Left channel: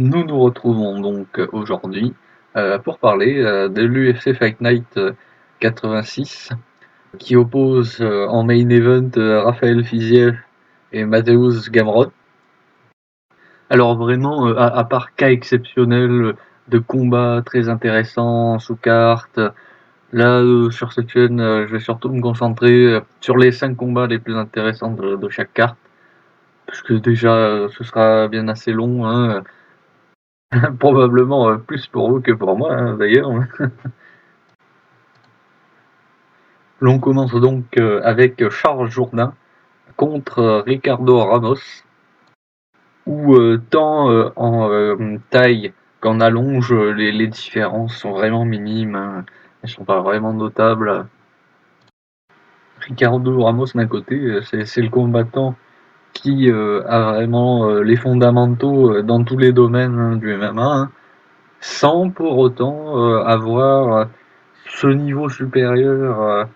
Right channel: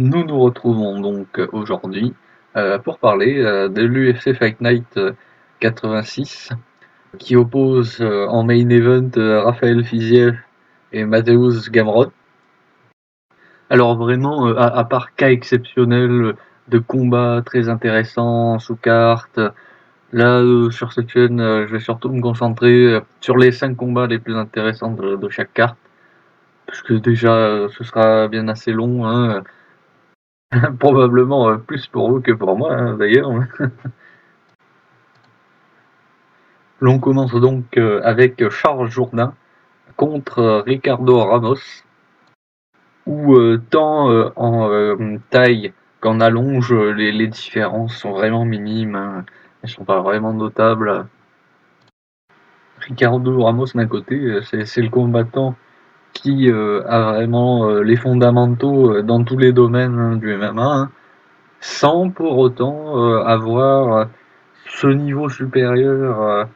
Nous nous retrouvons donc aujourd'hui pour parler de l'UFC Fight Night 86 qui oppose en main event Raphaël Fiziev et Mateusz Gamrot. Alors vraiment, à part cas exceptionnel de combats très intéressants sous carte, là sur cette chaîne, je vais surtout me concentrer sur les 5 combats les plus intéressants de chaque carte, puisque déjà ce sera bien assez long, hein. Probablement plus pour vous que pour moi, hein, d'ailleurs. L'on commence donc avec Charles Jourdain contre Ricardo Ramos, où tant en taille qu'en allonge, les différences sont vraiment minimes, hein. Elles sont pas vraiment notables. Ricardo Ramos d'un côté, c'est le combattant qui a vraiment les fondamentaux dans tous les domaines, hein, du MMA, hein, sans pour autant avoir ce niveau supérieur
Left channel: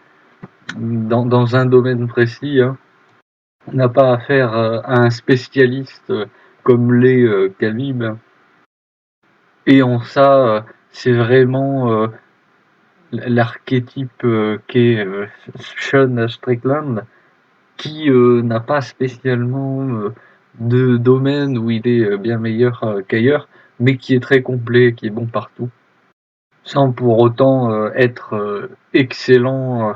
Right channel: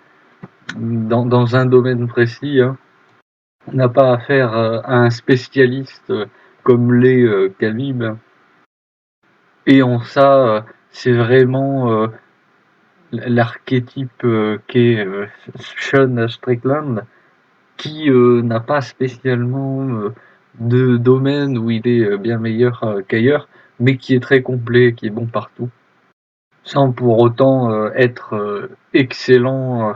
dans un domaine précis, hein. On n'a pas affaire à un spécialiste comme l'est Khabib. Et en ça, c'est vraiment l'archétype qu'est Sean Strickland, qui n'a pas spécialement de domaine où il est bien meilleur qu'ailleurs, mais qui est très complet, qui est bon partout, sans pour autant être excellent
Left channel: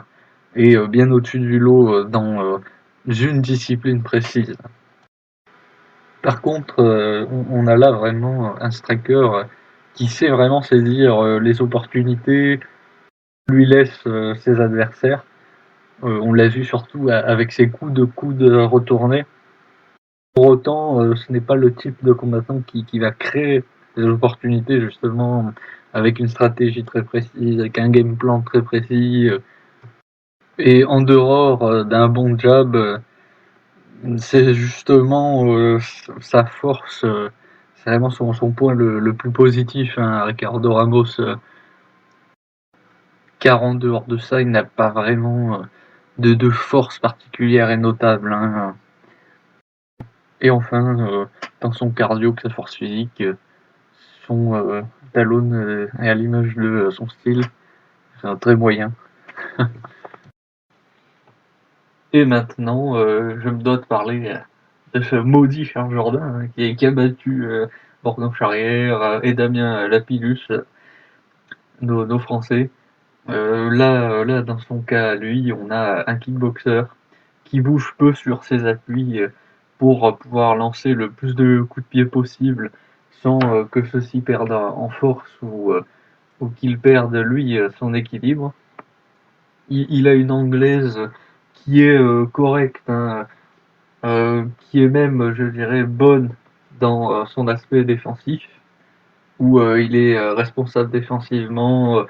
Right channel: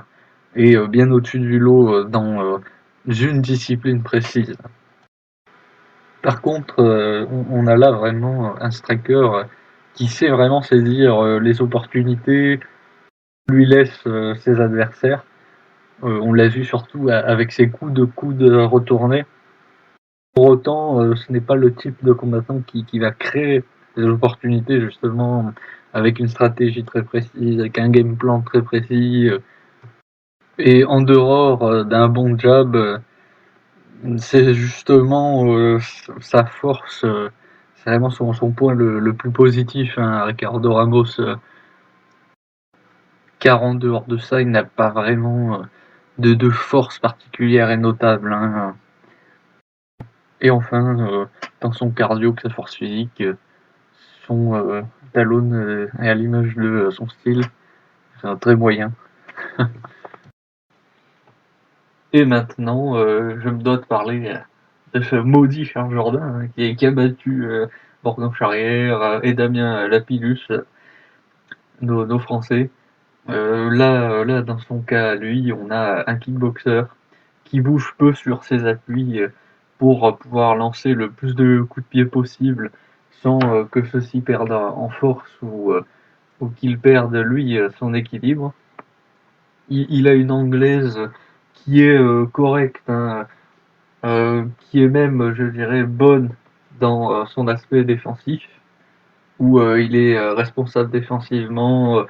et bien au-dessus du lot dans une discipline précise. Par contre, on a là vraiment un striker qui sait vraiment saisir les opportunités, lui laisse ses adversaires. On l'a vu surtout avec ses coups de coude retournés. Pour autant, ce n'est pas le type de combattant qui va créer des opportunités justement avec une stratégie très précise, avec un game plan très précis. Et en dehors d'un bon jab, c'est justement sa force, c'est vraiment son point le plus positif à Ricardo Ramos, car en dehors de ça, il n'a pas vraiment de force particulière et notable, hein. Et enfin, dans son cardio, que sa force physique, son talon est à l'image de son style, c'est un très moyen. Et maintenant, je me dois de parler de ce maudit Charles Jourdain, hein, qui a battu Morgan Charrière et Damien Lapillus, nos Français. Là, dans son cas, lui, on a un kickboxer qui bouge peu sur ses appuis pour pouvoir lancer le plus de coups de pied possible sans que ceux-ci perdent en force ou qu'il perde, lui, son équilibre. Il a une anglaise qui est correcte, hein, qui est même, je dirais, bonne dans son aspect défensif, où il est responsable défensivement,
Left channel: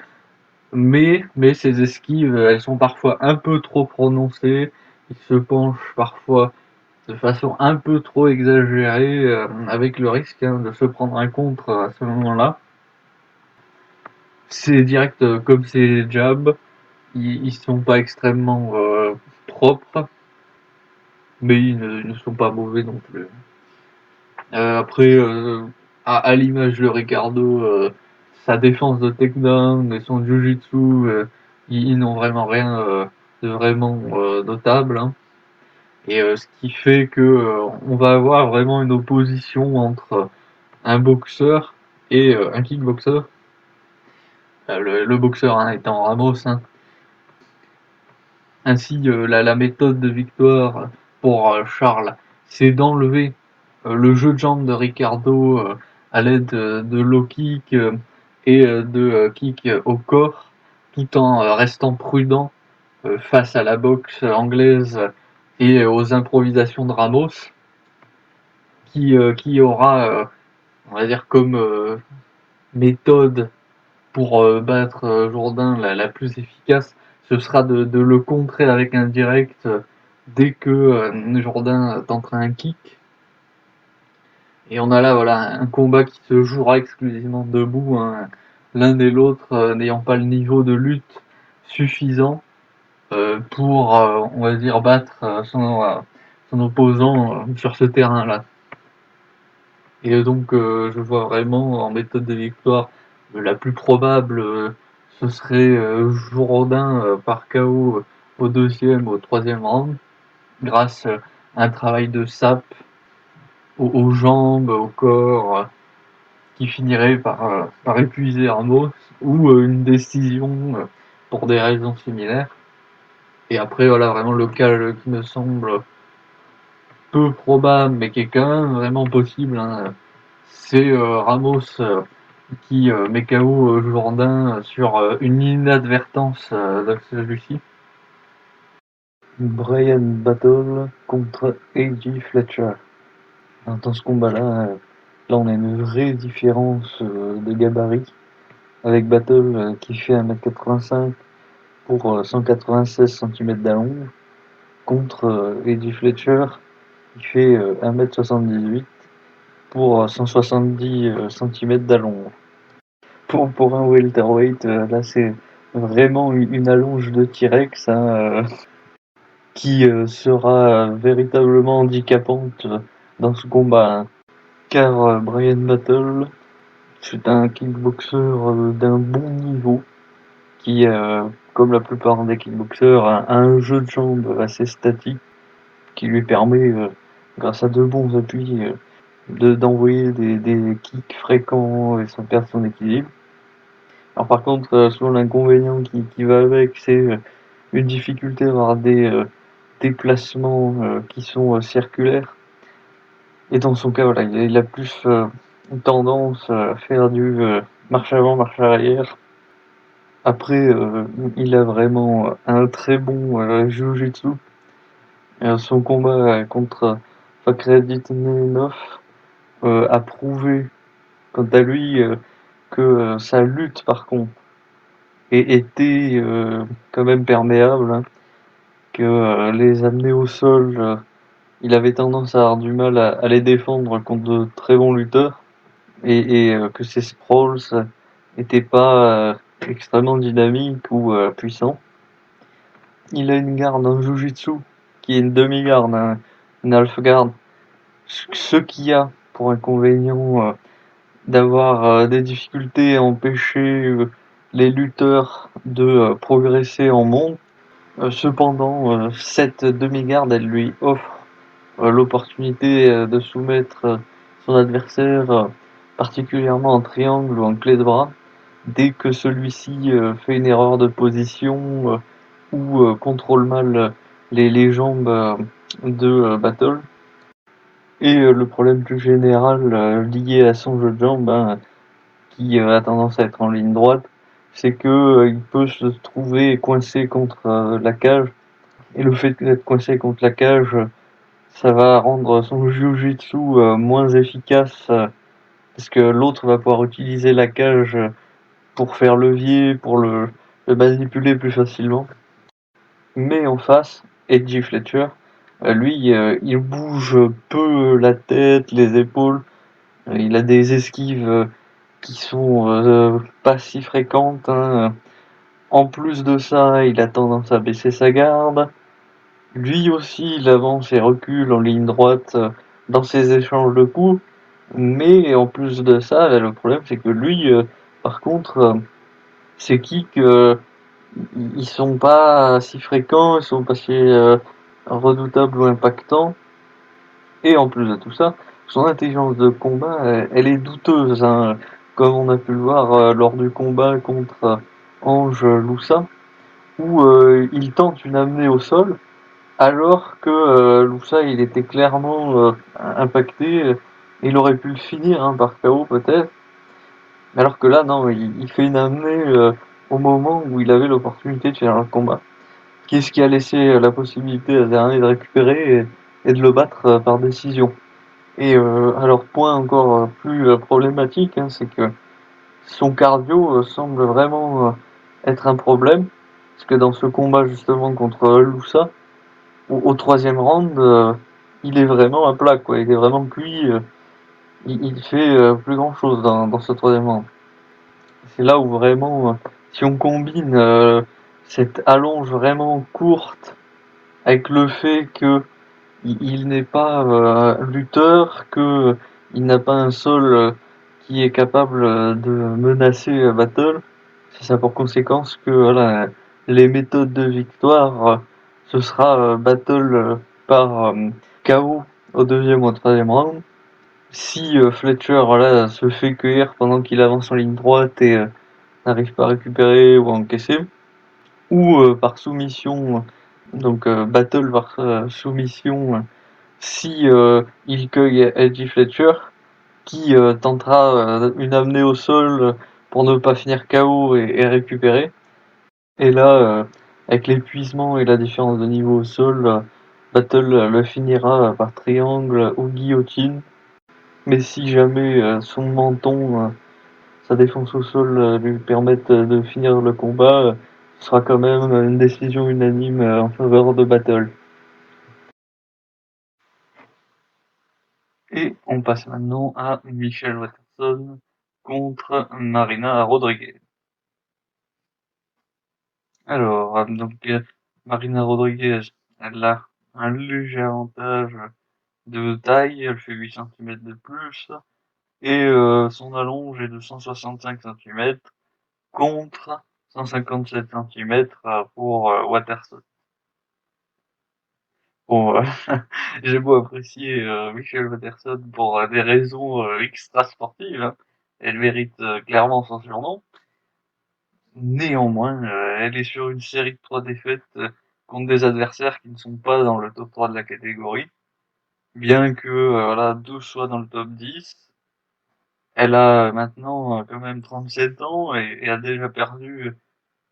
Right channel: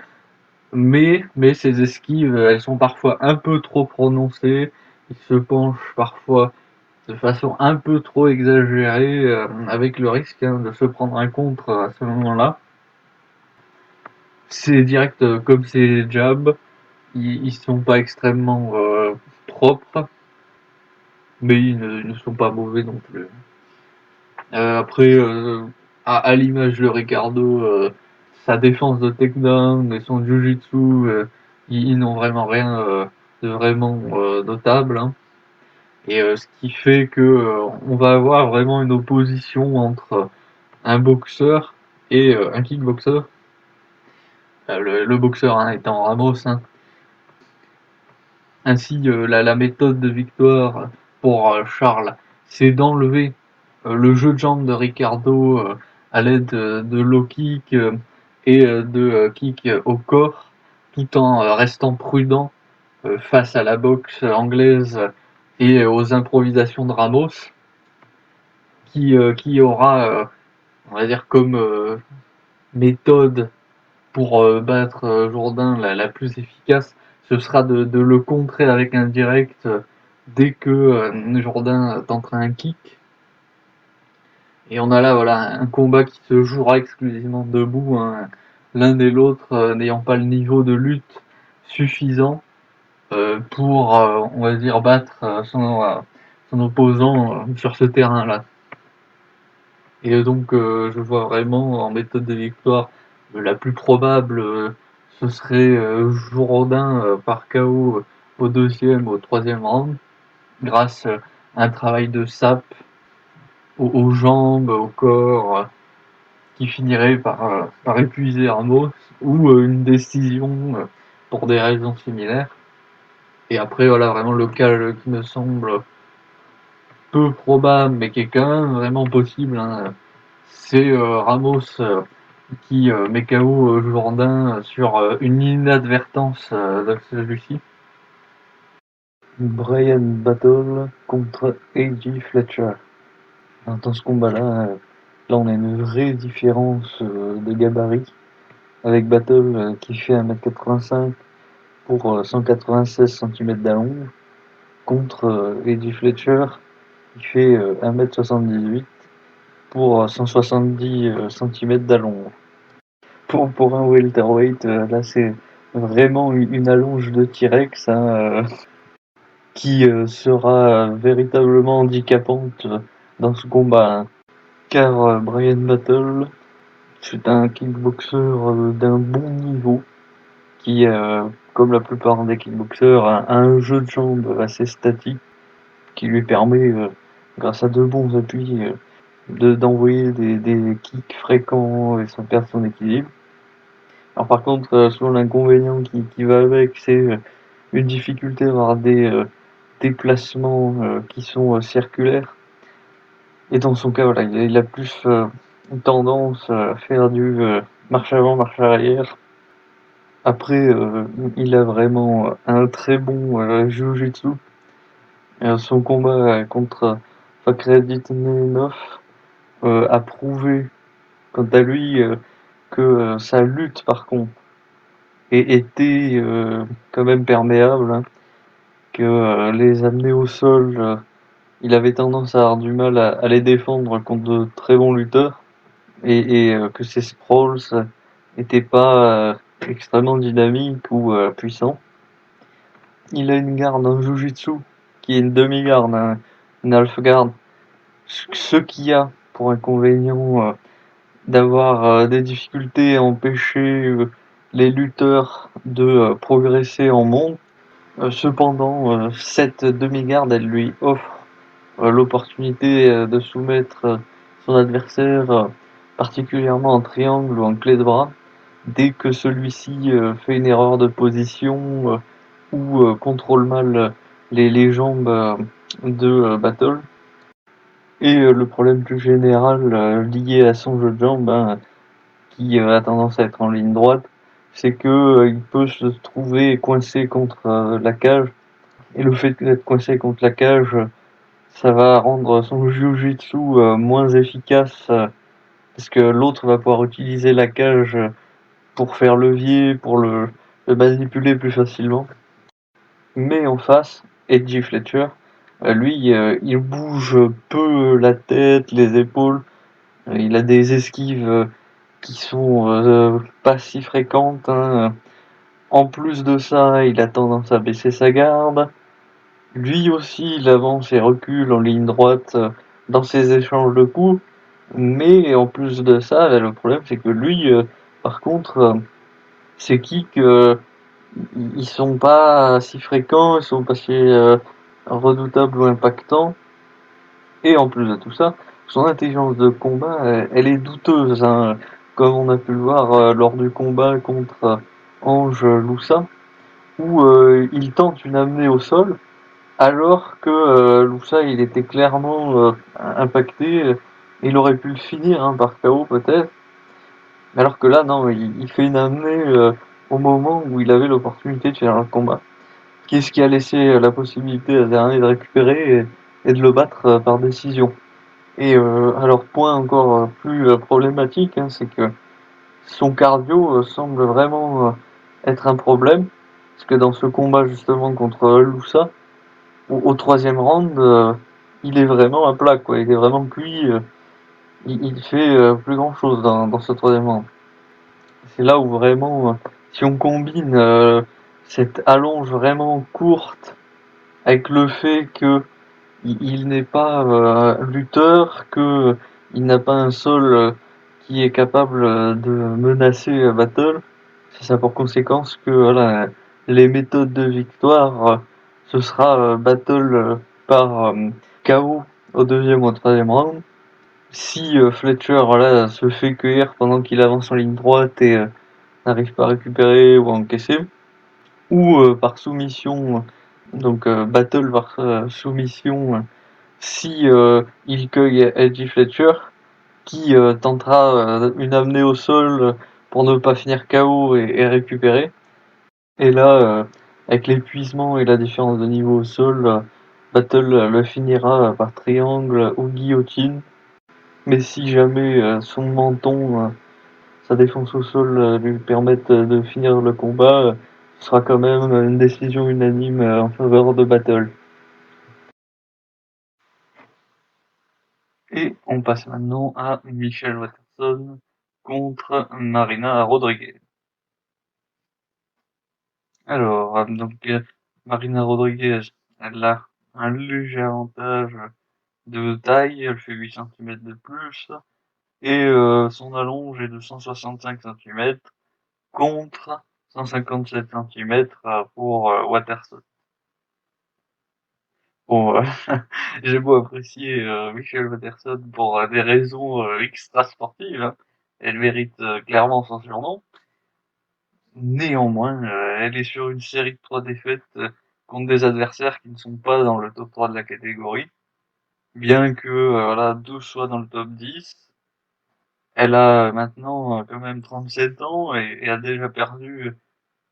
mais ses esquives, elles sont parfois un peu trop prononcées. Il se penche parfois de façon un peu trop exagérée, avec le risque, hein, de se prendre un contre à ce moment-là. Ses directs comme ses jabs, ils sont pas extrêmement propres, mais ils ne sont pas mauvais non plus. Après, à l'image de Ricardo, sa défense de takedown et son jiu-jitsu, ils n'ont vraiment rien de vraiment notable, hein. Et ce qui fait que on va avoir vraiment une opposition entre un boxeur et un kickboxer. Le boxeur, hein, étant Ramos, hein. Ainsi, la méthode de victoire pour Charles, c'est d'enlever le jeu de jambes de Ricardo à l'aide de low kick et de kick au corps, tout en restant prudent face à la boxe anglaise et aux improvisations de Ramos, qui aura, on va dire, comme méthode pour battre Jourdain la plus efficace, ce sera de le contrer avec un direct dès que Jourdain tentera un kick. Et on a là voilà un combat qui se jouera exclusivement debout, hein, l'un et l'autre n'ayant pas le niveau de lutte suffisant pour, on va dire, battre son opposant sur ce terrain-là. Et donc, je vois vraiment en méthode de victoire, la plus probable, ce serait Jourdain par KO au deuxième, au troisième round, grâce à un travail de sape aux jambes, au corps, qui finirait par épuiser Ramos, ou une décision pour des raisons similaires. Et après, voilà, vraiment le cas qui me semble peu probable, mais qui est quand même vraiment possible, hein, c'est Ramos qui met KO Jourdain sur une inadvertance de celui-ci. Brian Battle contre A.J. Fletcher. Dans ce combat-là, on a une vraie différence de gabarit, avec Battle qui fait 1m85 pour 196 cm d'allonge, contre A.J. Fletcher qui fait 1m78 pour 170 cm d'allonge. Pour un welterweight, là c'est vraiment une allonge de T-Rex, qui sera véritablement handicapante dans ce combat. Car Brian Battle, c'est un kickboxer d'un bon niveau, qui, comme la plupart des kickboxers, a un jeu de jambes assez statique, qui lui permet, grâce à de bons appuis, d'envoyer des kicks fréquents et sans perdre son équilibre. Alors par contre, souvent l'inconvénient qui va avec, c'est une difficulté à avoir des déplacements qui sont circulaires. Et dans son cas, voilà, il a plus une tendance à faire du marche avant, marche arrière. Après, il a vraiment un très bon jiu-jitsu. Son combat contre Fakhretdinov a prouvé, quant à lui, que sa lutte, par contre, était quand même perméable, hein, que les amener au sol, il avait tendance à avoir du mal à les défendre contre de très bons lutteurs, et que ses sprawls n'étaient pas extrêmement dynamiques ou puissants. Il a une garde en Jiu-Jitsu qui est une demi-garde, hein, une half-garde. Ce qu'il y a pour inconvénient d'avoir des difficultés à empêcher les lutteurs de progresser en monde. Cependant, cette demi-garde, elle lui offre l'opportunité de soumettre son adversaire, particulièrement en triangle ou en clé de bras, dès que celui-ci fait une erreur de position ou contrôle mal les jambes de Battle. Et le problème plus général lié à son jeu de jambes, qui a tendance à être en ligne droite, c'est que il peut se trouver coincé contre la cage. Et le fait d'être coincé contre la cage, ça va rendre son jiu-jitsu moins efficace, parce que l'autre va pouvoir utiliser la cage pour faire levier, pour le manipuler plus facilement. Mais en face, Edgy Fletcher, lui, il bouge peu la tête, les épaules. Il a des esquives qui sont pas si fréquentes, hein. En plus de ça, il a tendance à baisser sa garde. Lui aussi, il avance et recule en ligne droite dans ses échanges de coups. Mais en plus de ça, là, le problème, c'est que lui, par contre, ses kicks, ils sont pas si fréquents, ils sont pas si redoutables ou impactants. Et en plus de tout ça, son intelligence de combat, elle est douteuse, hein, comme on a pu le voir lors du combat contre Ange Loussa, où il tente une amenée au sol, alors que Loussa, il était clairement impacté. Il aurait pu le finir par KO peut-être, alors que là, non, il fait une amenée au moment où il avait l'opportunité de faire un combat. Qu'est-ce qui a laissé la possibilité à Zerny de récupérer et de le battre par décision. Et alors, point encore plus problématique, hein, c'est que son cardio semble vraiment être un problème, parce que dans ce combat justement contre Loussa, au troisième round, il est vraiment à plat, quoi. Il est vraiment cuit. Il fait plus grand chose dans ce troisième round. C'est là où vraiment, si on combine cette allonge vraiment courte avec le fait que il n'est pas lutteur, que il n'a pas un sol qui est capable de menacer Battle. Ça a pour conséquence que voilà, les méthodes de victoire, ce sera Battle par KO au deuxième ou au troisième round. Si Fletcher voilà, se fait cueillir pendant qu'il avance en ligne droite et n'arrive pas à récupérer ou à encaisser, ou par soumission, donc Battle par soumission, si il cueille LG Fletcher, qui tentera une amenée au sol pour ne pas finir KO et récupérer. Et là, avec l'épuisement et la différence de niveau au sol, Battle le finira par triangle ou guillotine. Mais si jamais son menton, sa défense au sol lui permettent de finir le combat, ce sera quand même une décision unanime en faveur de Battle. Et on passe maintenant à Michelle Waterson contre Marina Rodriguez. Alors, Marina Rodriguez, elle a un léger avantage de taille, elle fait 8 cm de plus, et son allonge est de 165 cm contre 157 cm pour Waterson. Bon, j'ai beau apprécier Michelle Waterson pour des raisons extra-sportives, hein. Elle mérite clairement son surnom. Néanmoins, elle est sur une série de 3 défaites contre des adversaires qui ne sont pas dans le top 3 de la catégorie, bien que elle a 2 choix dans le top 10. Elle a maintenant quand même 37 ans et a déjà perdu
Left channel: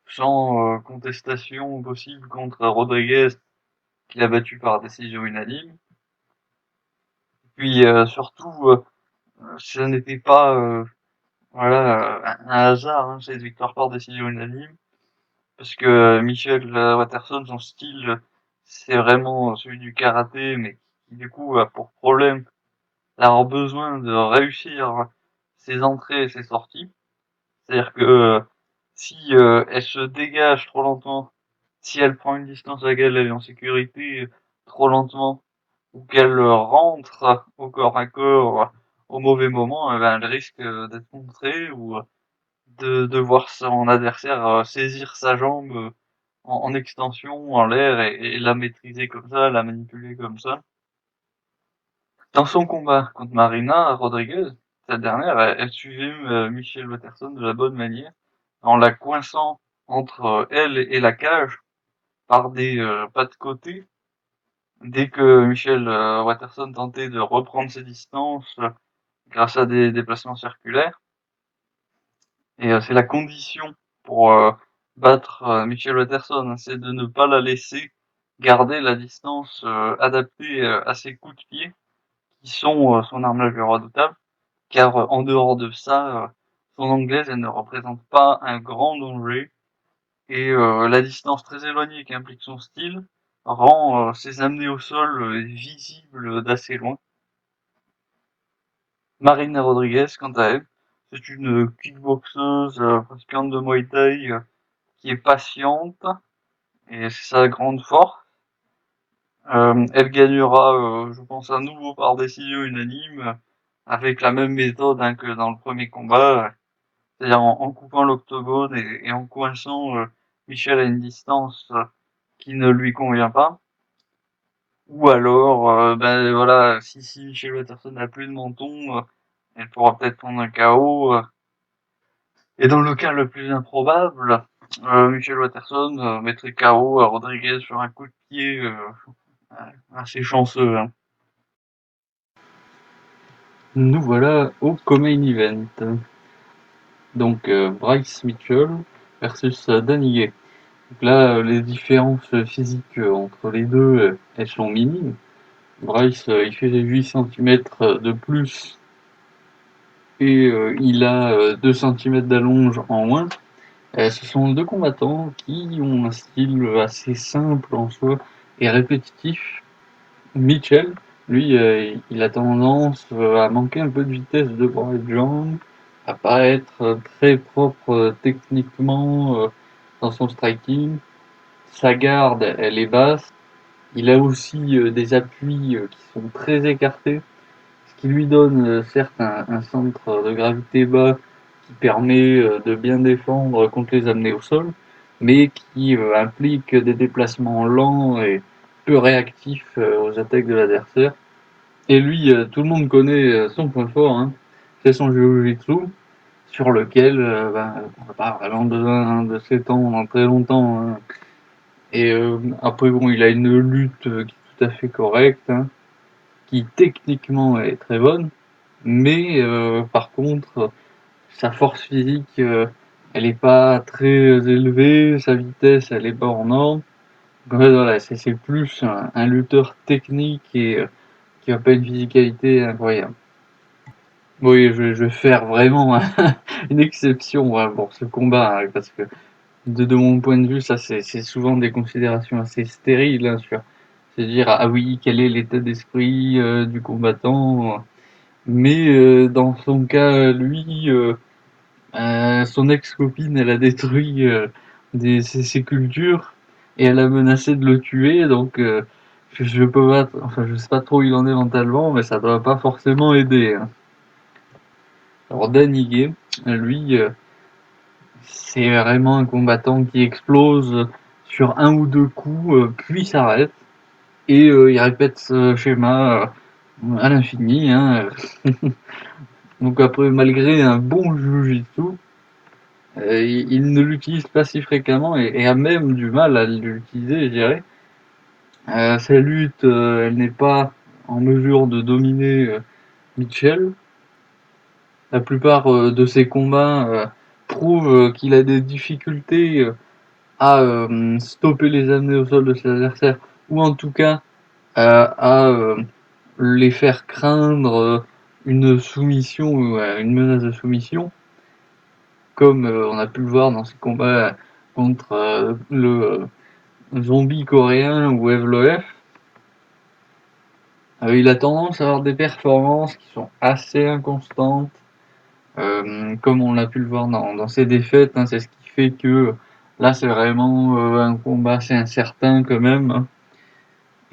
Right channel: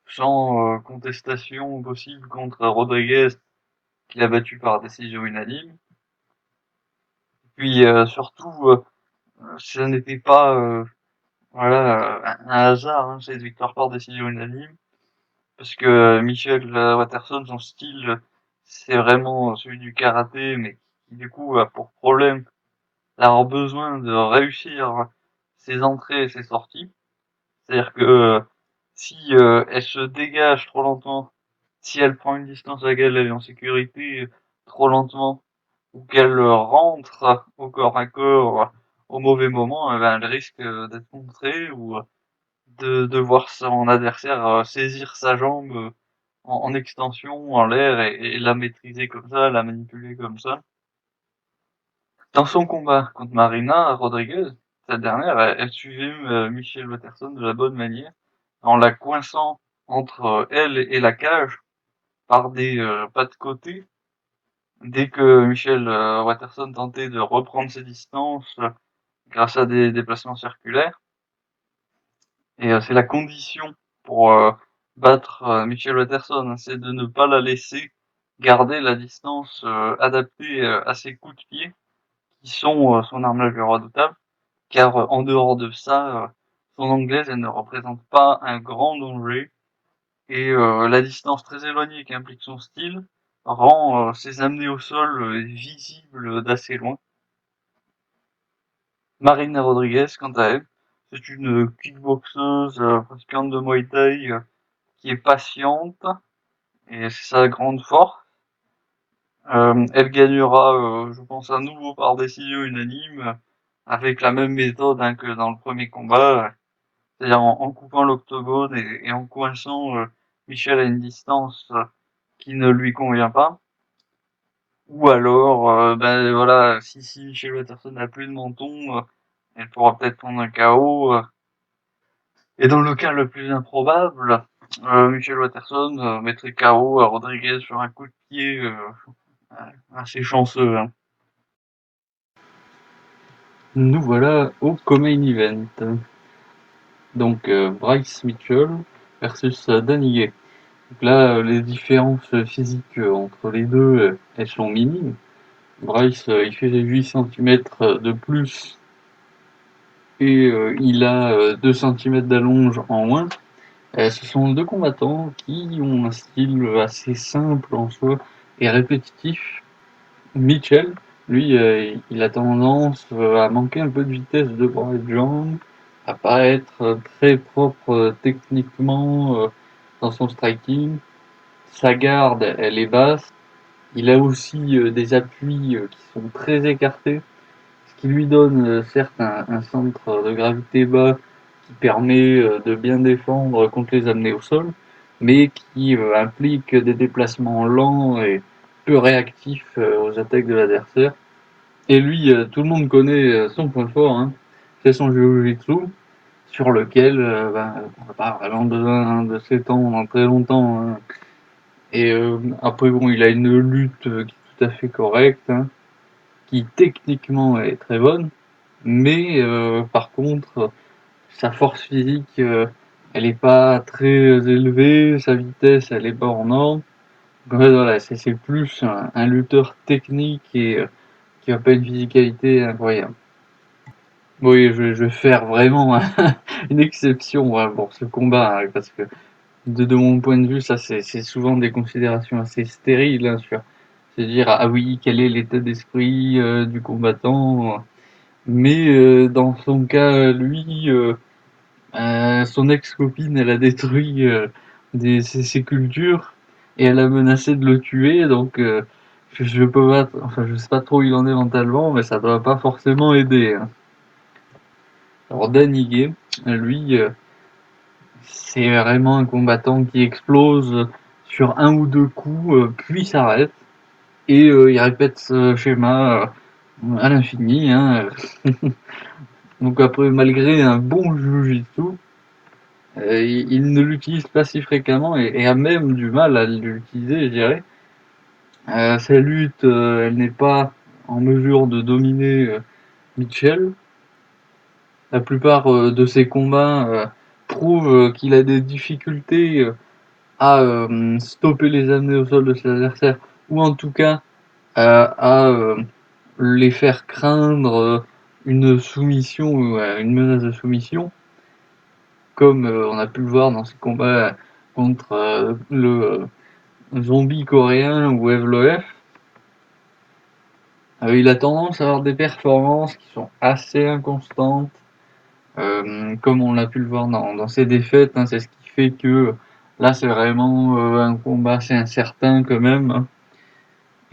sans contestation possible contre Rodriguez, qui l'a battu par décision unanime. Puis surtout, ce n'était pas voilà, un hasard, hein, cette victoire par décision unanime, parce que Michelle Waterson, son style, c'est vraiment celui du karaté, mais qui du coup a pour problème d'avoir besoin de réussir ses entrées et ses sorties. C'est-à-dire que si elle se dégage trop lentement, si elle prend une distance à gagner en sécurité trop lentement, ou qu'elle rentre au corps à corps au mauvais moment, ben, elle risque d'être contrée ou de voir son adversaire saisir sa jambe en extension, en l'air, et la maîtriser comme ça, la manipuler comme ça. Dans son combat contre Marina Rodriguez, cette dernière, elle suivait Michelle Waterson de la bonne manière, en la coinçant entre elle et la cage par des pas de côté. Dès que Michelle Waterson tentait de reprendre ses distances grâce à des déplacements circulaires, et c'est la condition pour battre Michelle Waterson, hein, c'est de ne pas la laisser garder la distance adaptée à ses coups de pied, qui sont son arme la plus redoutable, car en dehors de ça, son anglaise, elle ne représente pas un grand danger, et la distance très éloignée qui implique son style rend ses amenées au sol visibles d'assez loin. Marina Rodriguez, quant à elle, c'est une kickboxeuse pratiquante de Muay Thai qui est patiente, et c'est sa grande force. Elle gagnera, je pense, à nouveau par décision unanime, avec la même méthode hein, que dans le premier combat, c'est-à-dire en coupant l'octogone et en coinçant Michel à une distance qui ne lui convient pas. Ou alors, ben voilà, si Michel Watterson n'a plus de menton, elle pourra peut-être prendre un KO. Et dans le cas le plus improbable, Michel Watterson mettrait KO à Rodriguez sur un coup de pied assez chanceux. Hein. Nous voilà au co-main event. Donc Bryce Mitchell versus Danny Gay. Donc là, les différences physiques entre les deux, elles sont minimes. Bryce, il fait 8 cm de plus et il a 2 cm d'allonge en moins. Ce sont deux combattants qui ont un style assez simple en soi et répétitif. Mitchell, lui, il a tendance à manquer un peu de vitesse de bras et de jambes, à pas être très propre techniquement dans son striking. Sa garde, elle est basse. Il a aussi des appuis qui sont très écartés, ce qui lui donne certes un centre de gravité bas qui permet de bien défendre contre les amener au sol, mais qui implique des déplacements lents et peu réactifs aux attaques de l'adversaire. Et lui, tout le monde connaît son point fort, hein, c'est son Jiu-Jitsu, sur lequel on n'a pas vraiment besoin de s'étendre dans très longtemps. Hein. Et après, bon, il a une lutte qui est tout à fait correcte, hein, qui techniquement est très bonne, mais par contre, sa force physique, elle est pas très élevée, sa vitesse, elle est pas en norme. Bref, voilà, c'est plus un lutteur technique et qui a pas une physicalité incroyable. Oui, je vais faire vraiment une exception hein, pour ce combat, hein, parce que de mon point de vue, ça c'est souvent des considérations assez stériles hein, sur c'est-à-dire ah oui, quel est l'état d'esprit du combattant. Mais dans son cas, lui, son ex-copine, elle a détruit ses cultures et elle a menacé de le tuer, donc je peux pas, enfin je sais pas trop où il en est mentalement, mais ça va pas forcément aider. Hein. Alors Danny Gay, lui, c'est vraiment un combattant qui explose sur un ou deux coups, puis s'arrête et il répète ce schéma à l'infini. Hein. Donc après, malgré un bon jujitsu, il ne l'utilise pas si fréquemment et a même du mal à l'utiliser, je dirais. Sa lutte, elle n'est pas en mesure de dominer Mitchell. La plupart de ses combats prouvent qu'il a des difficultés à stopper les amener au sol de ses adversaires, ou en tout cas à les faire craindre une soumission, une menace de soumission, comme on a pu le voir dans ses combats contre le zombie coréen ou Evloev. Il a tendance à avoir des performances qui sont assez inconstantes, comme on l'a pu le voir dans ses défaites. Hein, c'est ce qui fait que là, c'est vraiment un combat assez incertain quand même. Hein.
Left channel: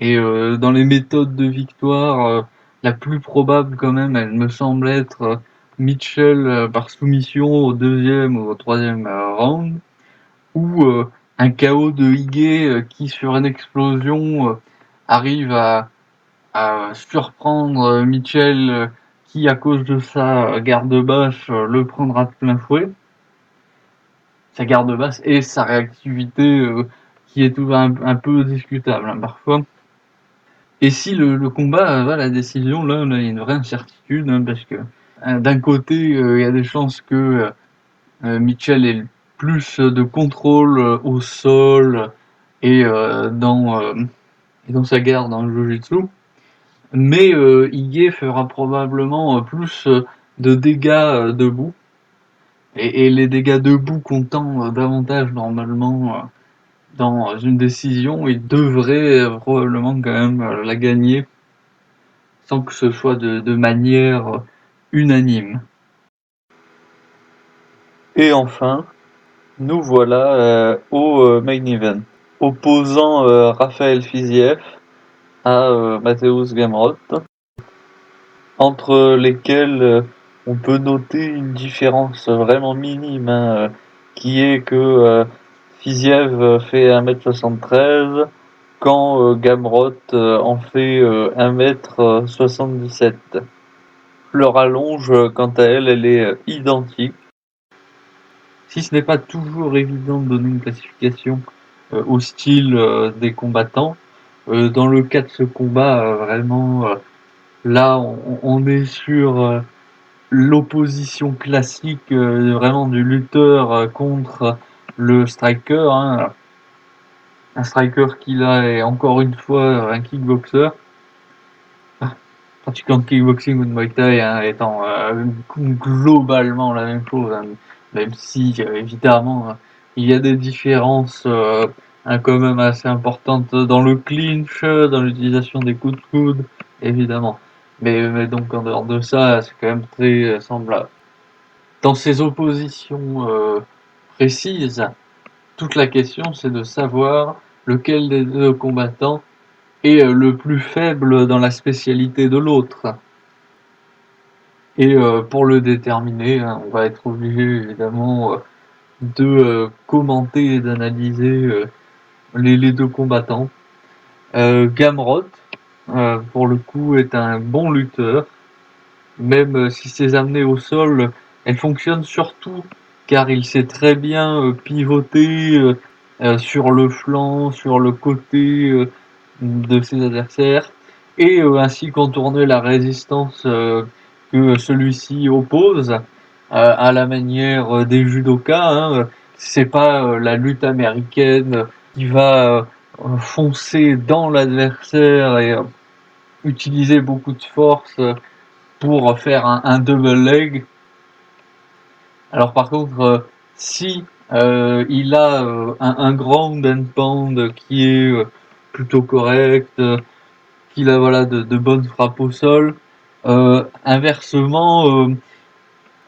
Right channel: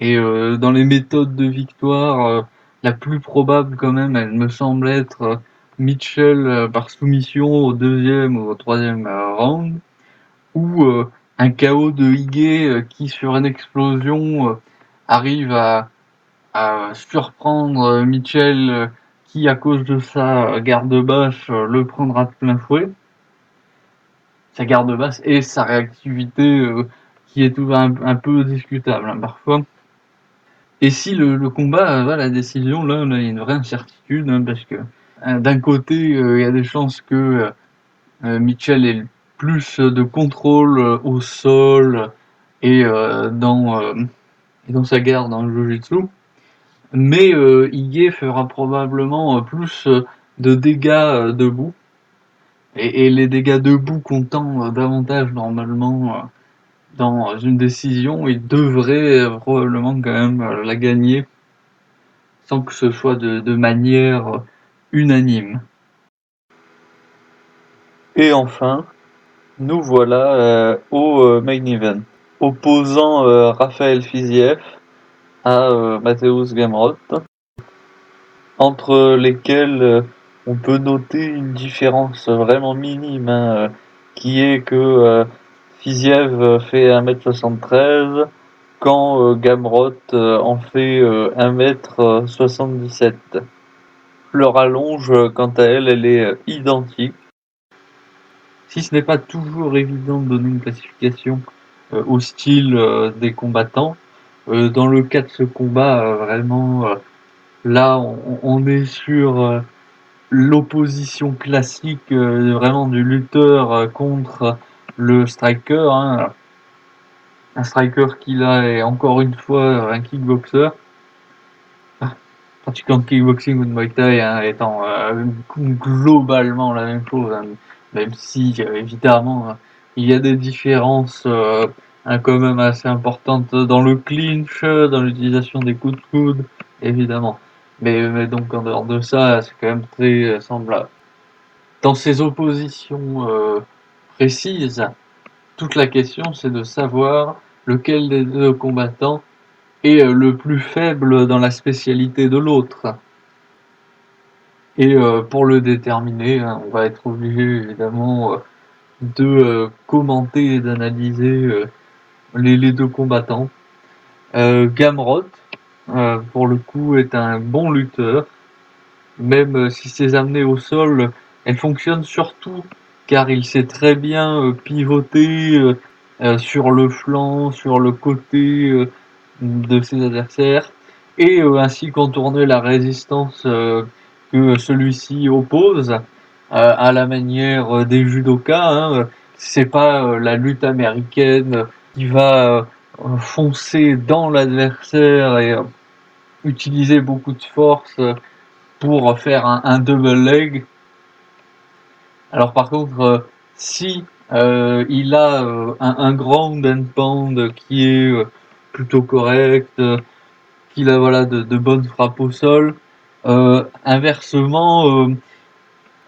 Et dans les méthodes de victoire, la plus probable quand même, elle me semble être Mitchell par soumission au deuxième ou au troisième round, ou un KO de Higuet qui, sur une explosion, arrive à surprendre Mitchell qui, à cause de sa garde basse, le prendra de plein fouet. Sa garde basse et sa réactivité qui est tout un peu discutable hein, parfois. Et si le combat va à la décision, là, il y a une vraie incertitude, hein, parce que d'un côté, il y a des chances que Mitchell ait plus de contrôle au sol et dans sa garde dans le Jiu-Jitsu, mais Ige fera probablement plus de dégâts debout. Et les dégâts debout comptant davantage normalement dans une décision, il devrait probablement quand même la gagner sans que ce soit de manière unanime. Et enfin, nous voilà au main event, opposant Raphaël Fiziev à Mateusz Gamrot, entre lesquels on peut noter une différence vraiment minime, hein, qui est que Fiziev fait 1m73, quand Gamrot en fait 1m77. Leur allonge, quant à elle, elle est identique. Si ce n'est pas toujours évident de donner une classification au style des combattants, dans le cas de ce combat, vraiment, là, on est sur l'opposition classique, vraiment du lutteur contre le striker. Hein. Un striker qui là est encore une fois un kickboxer. Pratiquant de kickboxing ou de Muay Thai hein, étant globalement la même chose, hein, même si évidemment il y a des différences quand même assez importantes dans le clinch, dans l'utilisation des coups de coude, évidemment. Mais donc en dehors de ça, c'est quand même très semblable. Dans ces oppositions précises, toute la question c'est de savoir lequel des deux combattants est le plus faible dans la spécialité de l'autre. Et pour le déterminer, on va être obligé évidemment de commenter et d'analyser les deux combattants. Gamrot, pour le coup, est un bon lutteur, même si ses amenées au sol, elles fonctionnent surtout car il sait très bien pivoter sur le flanc, sur le côté de ses adversaires, et ainsi contourner la résistance que celui-ci oppose à la manière des judokas. Hein. C'est pas la lutte américaine qui va foncer dans l'adversaire et utiliser beaucoup de force pour faire un double leg. Alors par contre, si il a un ground and pound qui est plutôt correct, qu'il a voilà de bonnes frappes au sol, inversement,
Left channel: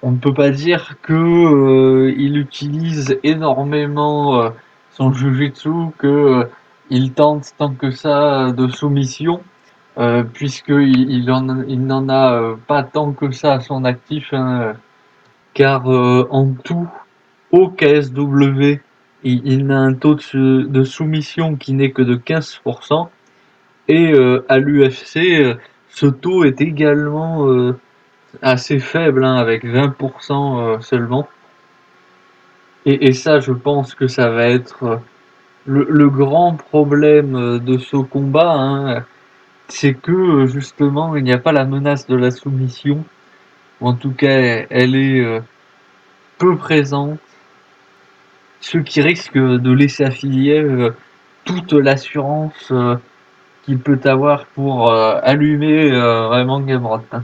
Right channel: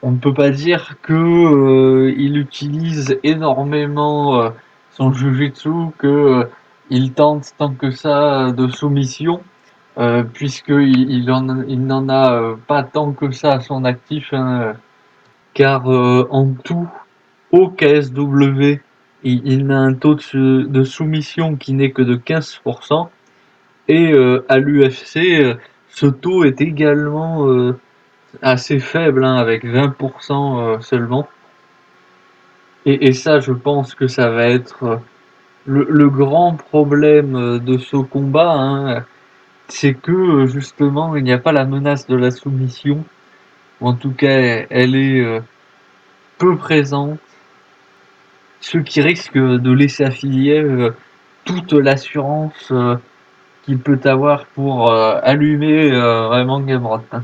on ne peut pas dire que il utilise énormément son jujitsu, que il tente tant que ça de soumission, il n'en a pas tant que ça à son actif, hein, car en tout, au KSW, il a un taux de soumission qui n'est que de 15%, et à l'UFC, ce taux est également assez faible, hein, avec 20% seulement. Et ça, je pense que ça va être le grand problème de ce combat, hein, c'est que justement, il n'y a pas la menace de la soumission. En tout cas, elle est peu présente, ce qui risque de laisser à Filièvre toute l'assurance qu'il peut avoir pour allumer vraiment Gamrot, hein,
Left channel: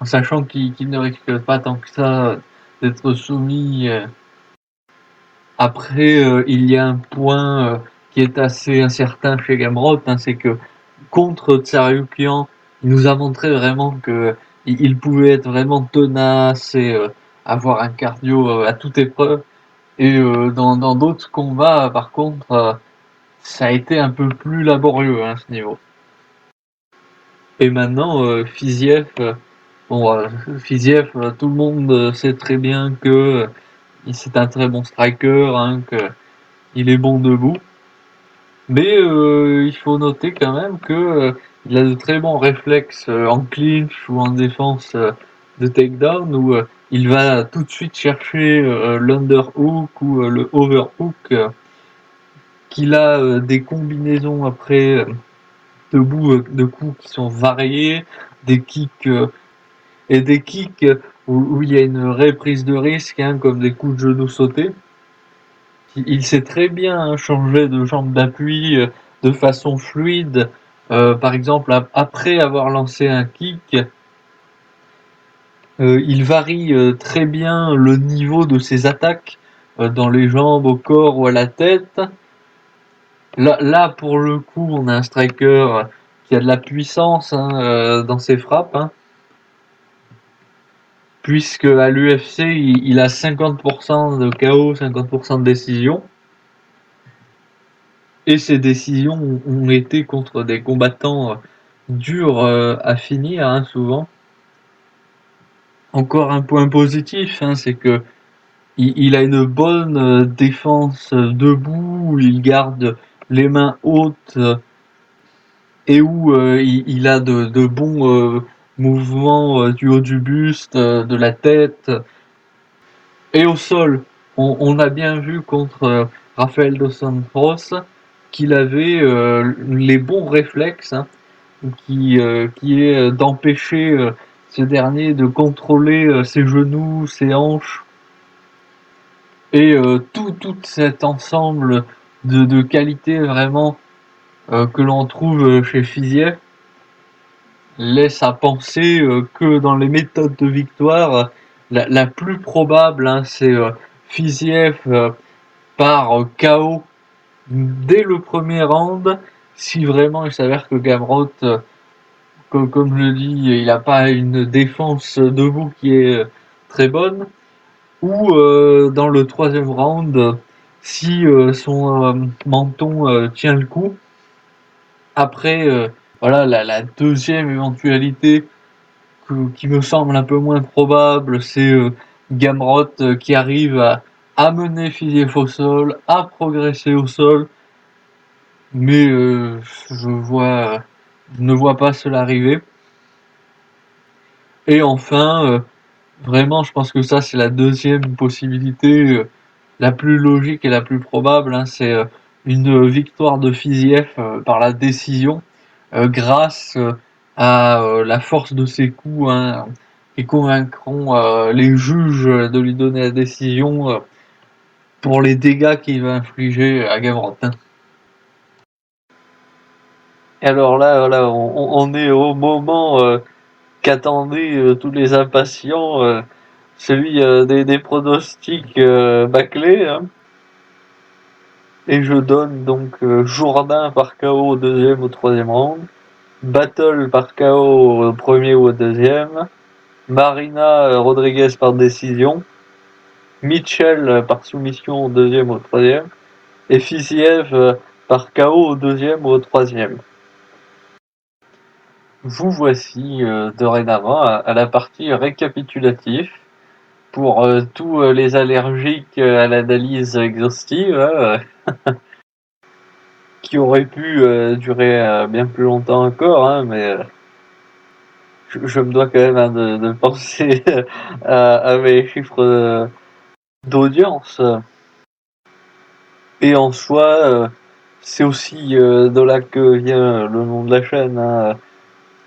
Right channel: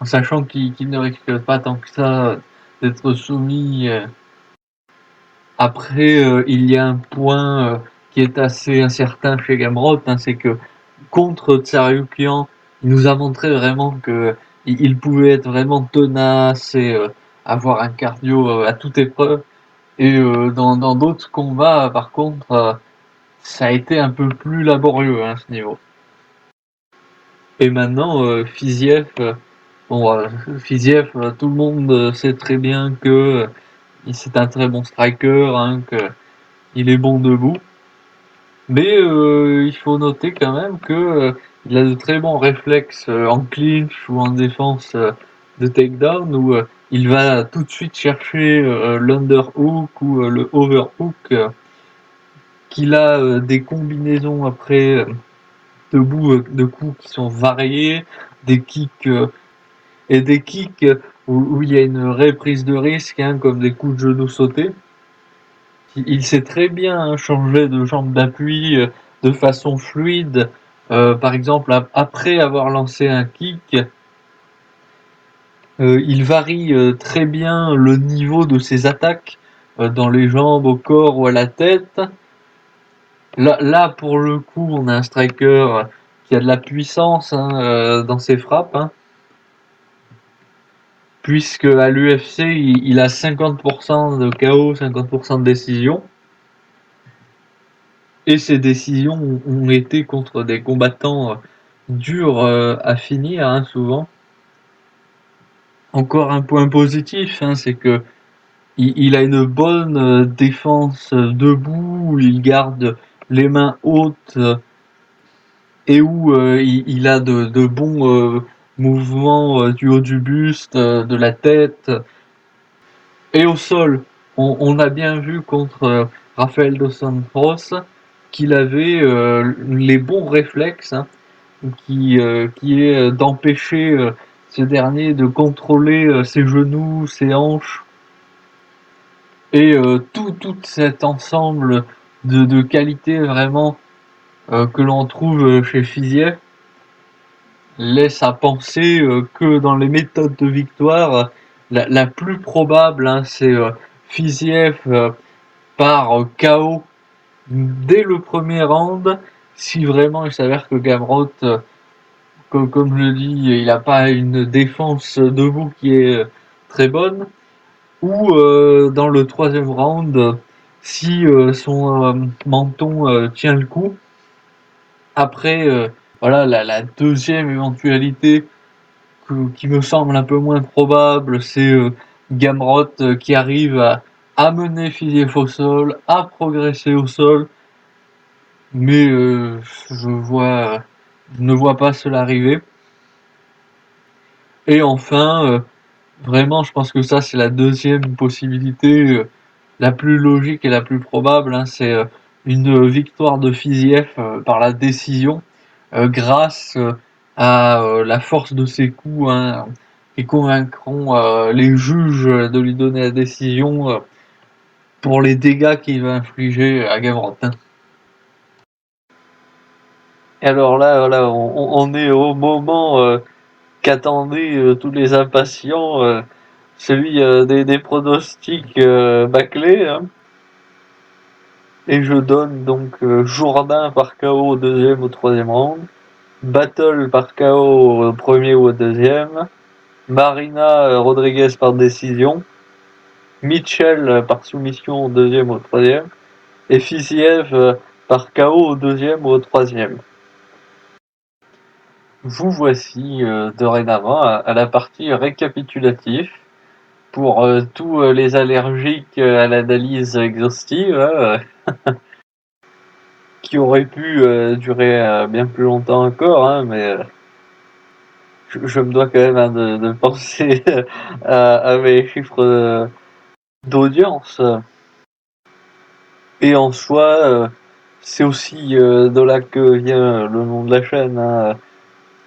en sachant qu'il ne risque pas tant que ça d'être soumis. Après, il y a un point qui est assez incertain chez Gamrot, hein, c'est que contre Tsaryukian, il nous a montré vraiment que il pouvait être vraiment tenace et avoir un cardio à toute épreuve. Et dans d'autres combats, par contre, ça a été un peu plus laborieux, hein, à ce niveau. Et maintenant, Fiziev, Fiziev, tout le monde sait très bien que c'est un très bon striker, hein, que il est bon debout. Mais il faut noter quand même que il a des très bons réflexes en clinch ou en défense de takedown, où il va tout de suite chercher l'underhook ou le overhook, qu'il a des combinaisons après debout de coups qui sont variés, des kicks et des kicks où il y a une réelle prise de risque, hein, comme des coups de genoux sautés. Il sait très bien changer de jambe d'appui de façon fluide. Par exemple, après avoir lancé un kick, il varie très bien le niveau de ses attaques dans les jambes, au corps ou à la tête. Là, pour le coup, on a un striker qui a de la puissance, hein, dans ses frappes, hein, puisque à l'UFC, il a 50% de KO, 50% de décision. Et ces décisions ont été contre des combattants durs à finir, hein, souvent. Encore un point positif, hein, c'est que il a une bonne défense debout, où il garde les mains hautes et où il a de bons mouvements du haut du buste, de la tête et au sol. On a bien vu contre Rafael dos Santos qu'il avait les bons réflexes, hein, qui est d'empêcher ce dernier de contrôler ses genoux, ses hanches, et tout cet ensemble de qualités vraiment que l'on trouve chez Fiziev laisse à penser que dans les méthodes de victoire, la plus probable, hein, c'est Fiziev par KO dès le premier round, si vraiment il s'avère que Gamrot, comme je le dis, il n'a pas une défense debout qui est très bonne, ou dans le troisième round, si son menton tient le coup. Après, voilà, la deuxième éventualité, qui me semble un peu moins probable, c'est Gamrot qui arrive à amener Fiziev au sol, à progresser au sol, mais je ne vois pas cela arriver. Et enfin, vraiment, je pense que ça c'est la deuxième possibilité, la plus logique et la plus probable, hein, c'est une victoire de Fiziev par la décision, grâce à la force de ses coups, hein, qui convaincront les juges de lui donner la décision pour les dégâts qu'il va infliger à Gamrot. Et alors là, voilà, on est au moment qu'attendaient tous les impatients, celui des pronostics bâclés, hein. Et je donne donc Jourdain par KO au deuxième ou troisième round, Battle par KO au premier ou au deuxième, Marina Rodriguez par décision, Mitchell par soumission au deuxième ou au troisième, et Fiziev par KO au deuxième ou au troisième. Vous voici dorénavant à la partie récapitulative pour tous les allergiques à l'analyse exhaustive, qui aurait pu durer bien plus longtemps encore, hein, mais je me dois quand même de penser à mes chiffres d'audience. Et en soi, c'est aussi de là que vient le nom de la chaîne, hein,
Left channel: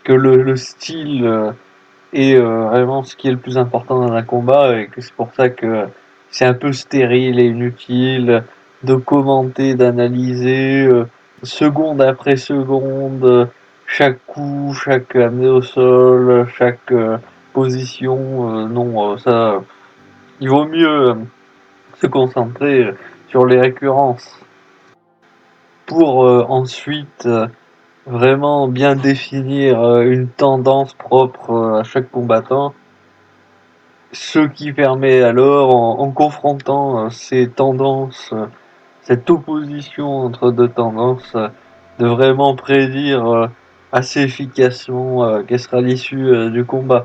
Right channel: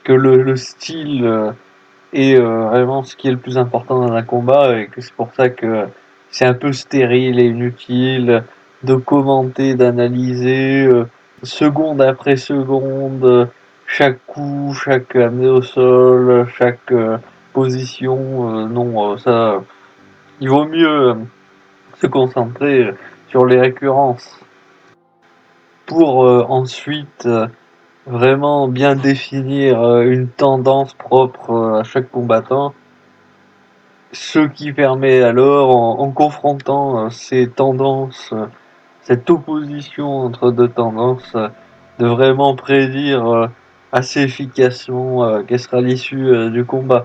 que le style est vraiment ce qui est le plus important dans un combat, et que c'est pour ça que c'est un peu stérile et inutile de commenter, d'analyser seconde après seconde chaque coup, chaque amené au sol, chaque position. Non, ça, il vaut mieux se concentrer sur les récurrences pour ensuite vraiment bien définir une tendance propre à chaque combattant, ce qui permet alors, en confrontant ces tendances, cette opposition entre deux tendances, de vraiment prédire assez efficacement quelle sera l'issue du combat.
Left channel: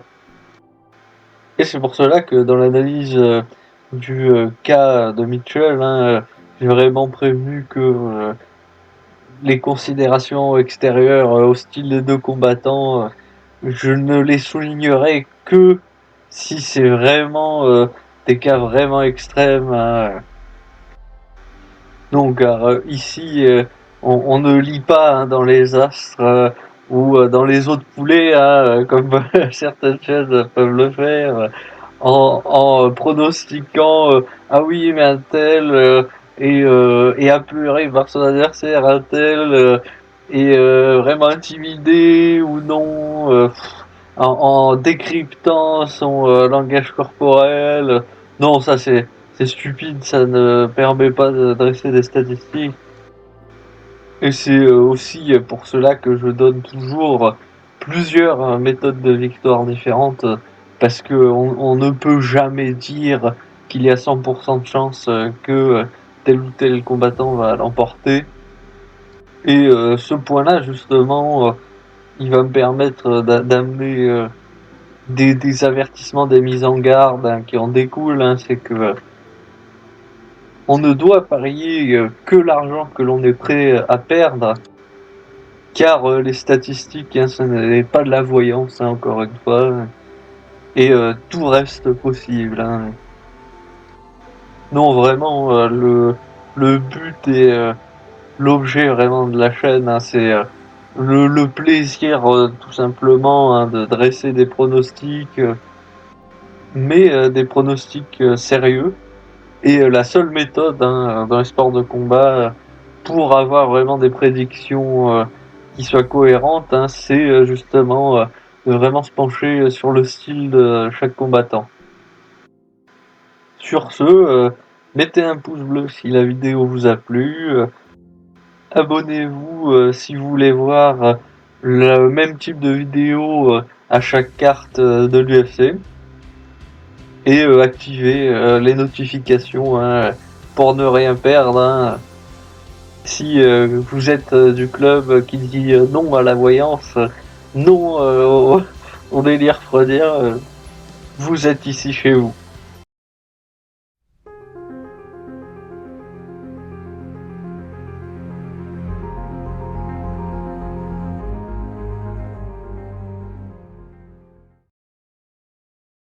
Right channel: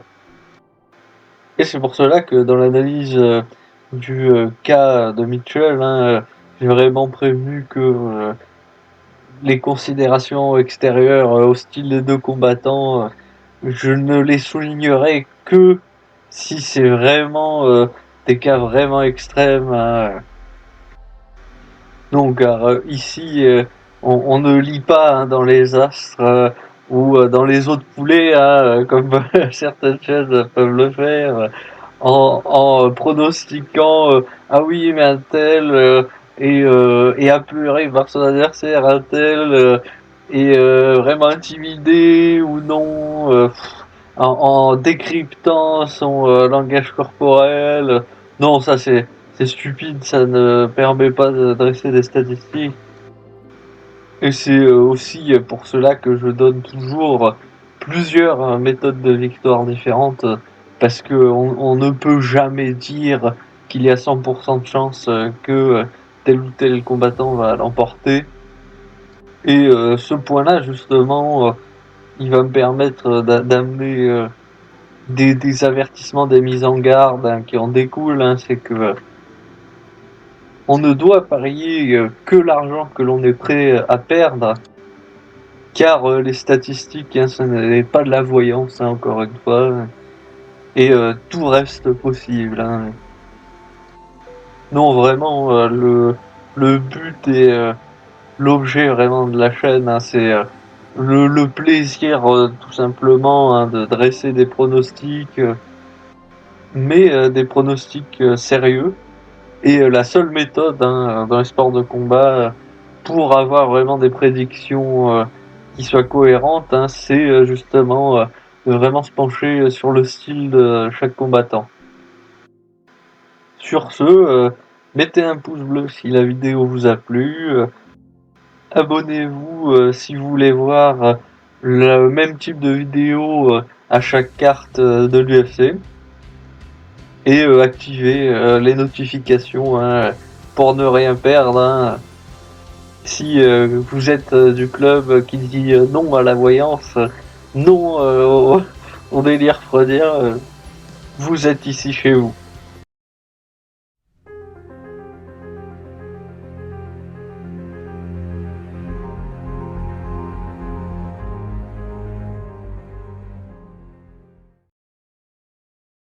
Et c'est pour cela que dans l'analyse du cas de Mitchell, hein, j'ai vraiment prévenu que les considérations extérieures au style des deux combattants, je ne les soulignerai que si c'est vraiment des cas vraiment extrêmes, hein. Donc ici, on ne lit pas hein, dans les astres ou dans les autres poulets, hein, comme certaines chaînes peuvent le faire, en pronostiquant ah oui mais un tel est apeuré par son adversaire, un tel est vraiment intimidé ou non, en décryptant son langage corporel. Non, ça c'est stupide, ça ne permet pas de dresser des statistiques. Et c'est aussi pour cela que je donne toujours plusieurs méthodes de victoire différentes, parce que on ne peut jamais dire qu'il y a 100% de chance que tel ou tel combattant va l'emporter. Et ce point-là, justement, il va me permettre d'amener des avertissements, des mises en garde hein, qui en découlent. Hein, c'est que on ne doit parier que l'argent que l'on est prêt à perdre, car les statistiques, hein, ça n'est pas de la voyance, hein, encore une fois, et tout reste impossible. Hein. Non, vraiment, le but et l'objet vraiment de la chaîne, hein, c'est le plaisir tout simplement hein, de dresser des pronostics, mais des pronostics sérieux. Et la seule méthode hein, dans les sports de combat pour avoir vraiment des prédictions qui soient cohérentes, hein, c'est justement de vraiment se pencher sur le style de chaque combattant. Sur ce, mettez un pouce bleu si la vidéo vous a plu, abonnez-vous si vous voulez voir le même type de vidéo à chaque carte de l'UFC, et activez les notifications hein, pour ne rien perdre. Hein. Si vous êtes du club qui dit non à la voyance, non on est les refroidir, vous êtes ici chez vous.